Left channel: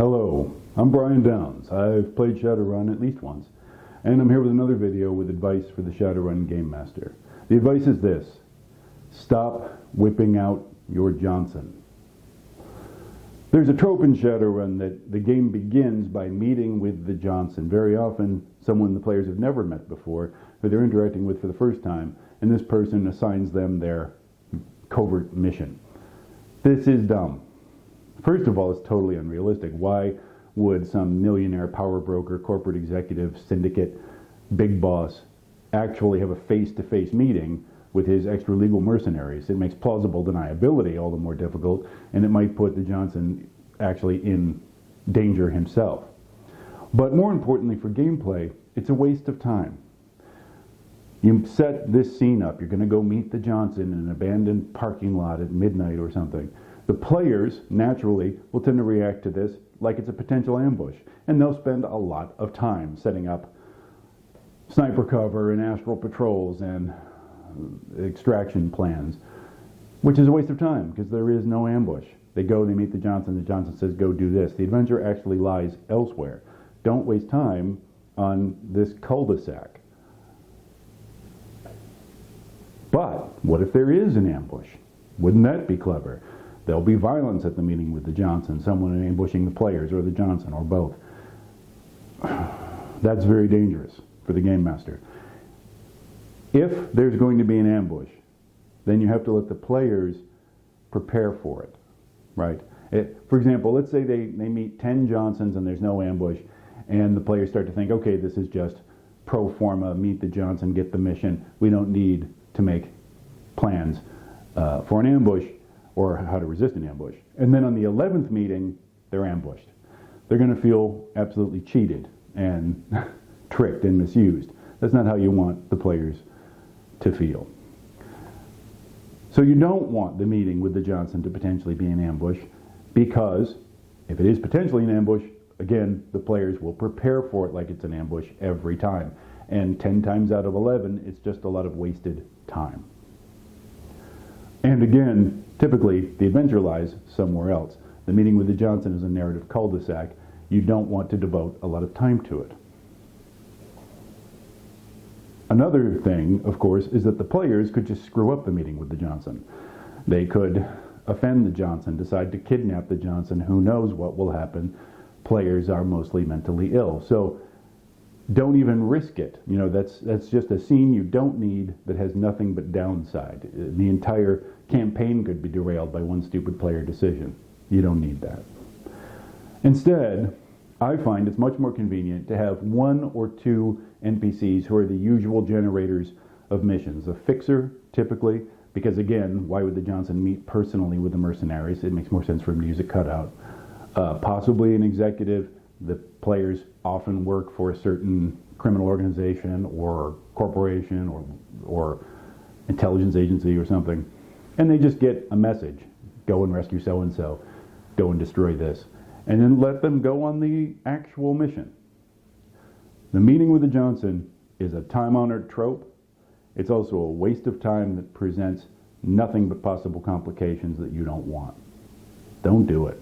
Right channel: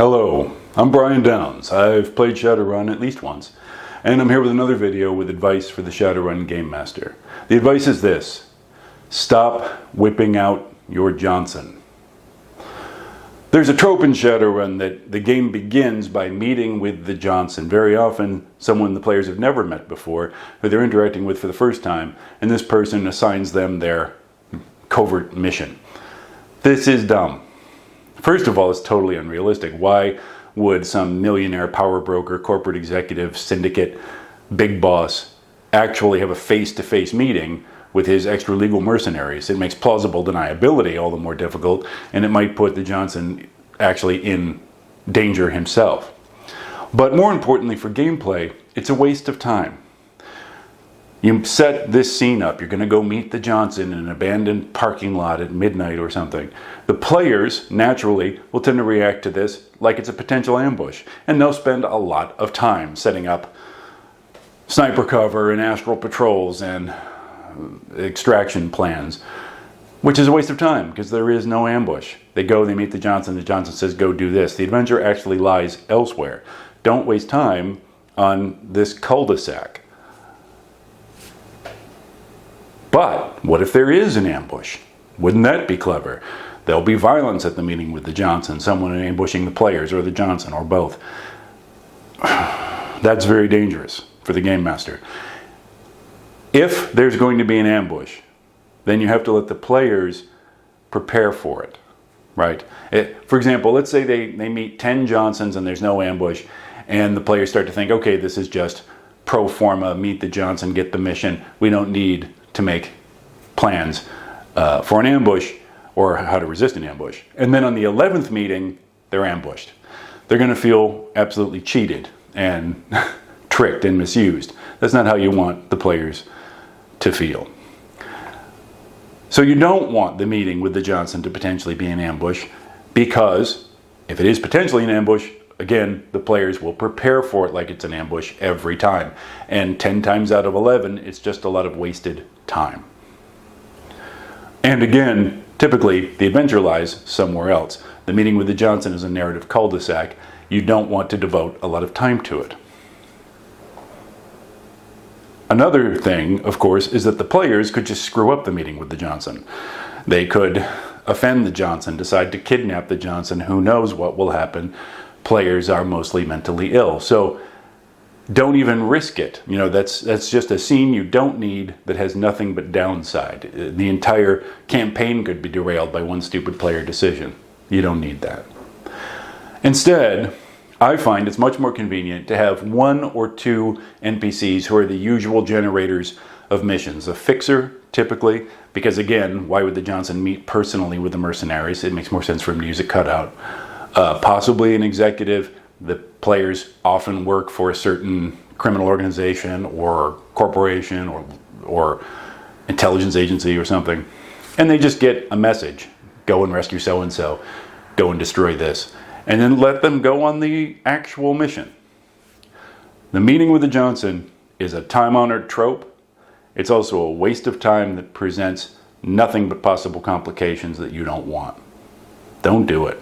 Hello, I'm Brian Downs. I've played Shadowrun at least once, and I'm here with another video with advice for the Shadowrun Gamemaster. The advice is this: stop whipping out your Johnson. There's a trope in Shadowrun that the game begins by meeting with the Johnson, very often someone the players have never met before, who they're interacting with for the first time, and this person assigns them their covert mission. This is dumb. First of all, it's totally unrealistic. Why would some millionaire, power broker, corporate executive, syndicate, big boss actually have a face-to-face meeting with his extra-legal mercenaries? It makes plausible deniability all the more difficult, and it might put the Johnson actually in danger himself. But more importantly for gameplay, it's a waste of time. You set this scene up, you're going to go meet the Johnson in an abandoned parking lot at midnight or something. The players, naturally, will tend to react to this like it's a potential ambush, and they'll spend a lot of time setting up sniper cover and astral patrols and extraction plans, which is a waste of time because there is no ambush. They go, they meet the Johnson says, go do this. The adventure actually lies elsewhere. Don't waste time on this cul-de-sac. But what if there is an ambush? Wouldn't that be clever? There'll be violence at the meeting with the Johnson, someone ambushing the players or the Johnson or both. That's very dangerous for the Game Master. If there's going to be an ambush, then you have to let the players prepare for it, right? For example, let's say they meet 10 Johnsons and there's no ambush, and the players start to think, okay, this is just pro forma, meet the Johnson, get the mission. We don't need to make plans for an ambush or how to resist an ambush. And then on the 11th meeting, they're ambushed. They're going to feel absolutely cheated and tricked and misused. That's not how you want the players to feel. So you don't want the meeting with the Johnson to potentially be an ambush, because if it is potentially an ambush, again, the players will prepare for it like it's an ambush every time. And 10 times out of 11, it's just a lot of wasted time. And again, typically, the adventure lies somewhere else. The meeting with the Johnson is a narrative cul-de-sac. You don't want to devote a lot of time to it. Another thing, of course, is that the players could just screw up the meeting with the Johnson. They could offend the Johnson, decide to kidnap the Johnson. Who knows what will happen? Players are mostly mentally ill. So don't even risk it. You know, that's just a scene you don't need that has nothing but downside. The entire campaign could be derailed by one stupid player decision. You don't need that. Instead, I find it's much more convenient to have 1 or 2 NPCs who are the usual generators of missions. A fixer, typically, because again, why would the Johnson meet personally with the mercenaries? It makes more sense for him to use a cutout. Possibly an executive. The players often work for a certain criminal organization or corporation or intelligence agency or something, and they just get a message: go and rescue so-and-so, go and destroy this, and then let them go on the actual mission. The meeting with the Johnson is a time-honored trope. It's also a waste of time that presents nothing but possible complications that you don't want. Don't do it.